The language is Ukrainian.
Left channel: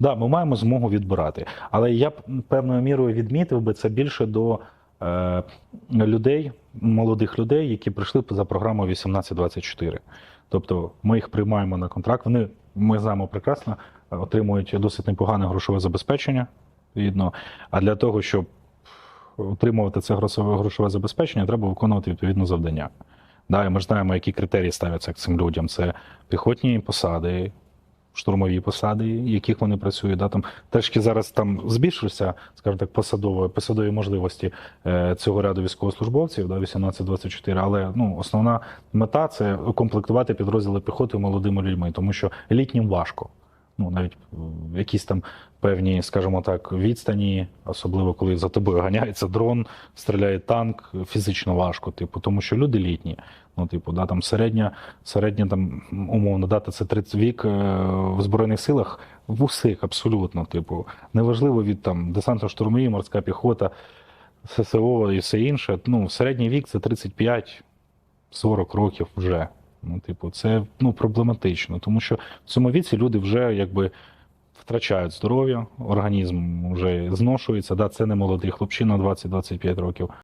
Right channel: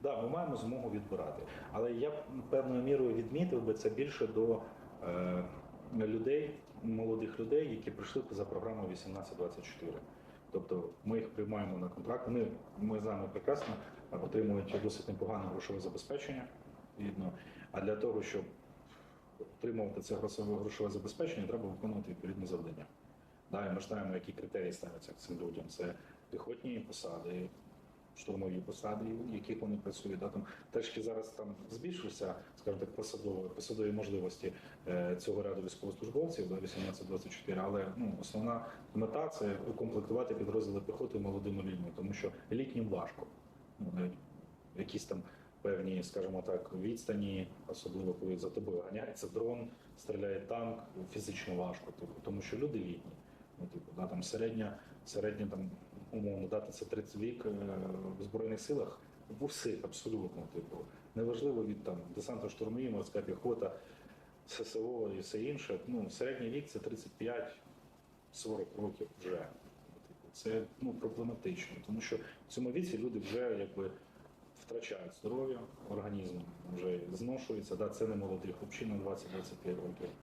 Да, ми маємо змогу відбирати. Але я б певною мірою відмітив би це більше до е, людей, молодих людей, які прийшли за програмою 1824. Тобто ми їх приймаємо на контракт. Вони ми знаємо прекрасно, е, отримують досить непогане грошове забезпечення. Відно. А для того, щоб отримувати це грошове забезпечення, треба виконувати відповідне завдання. Да, і ми ж знаємо, які критерії ставляться цим людям. Це піхотні посади, штурмові посади, яких вони працюють. Да, там трішки зараз там збільшився, скажімо так, посадові, посадові можливості е, цього ряду військовослужбовців, да, 18-24, але ну, основна мета це укомплектувати підрозділи піхоти молодими людьми, тому що літнім важко. Ну, навіть якісь там певні, скажімо так, відстані, особливо коли за тобою ганяється дрон, стріляє танк, фізично важко, типу, тому що люди літні. Ну, типу, да, там середня, середня там, умовно дата це 30 вік е, в Збройних силах в усіх абсолютно. Типу, неважливо від там десантно штурмові, морська піхота, ССО і все інше. Ну, середній вік це 35-40 років вже. Ну, типу, це ну, проблематично, тому що в цьому віці люди вже якби втрачають здоров'я, організм вже зношується. Да, це не молодий хлопчина 20-25 років.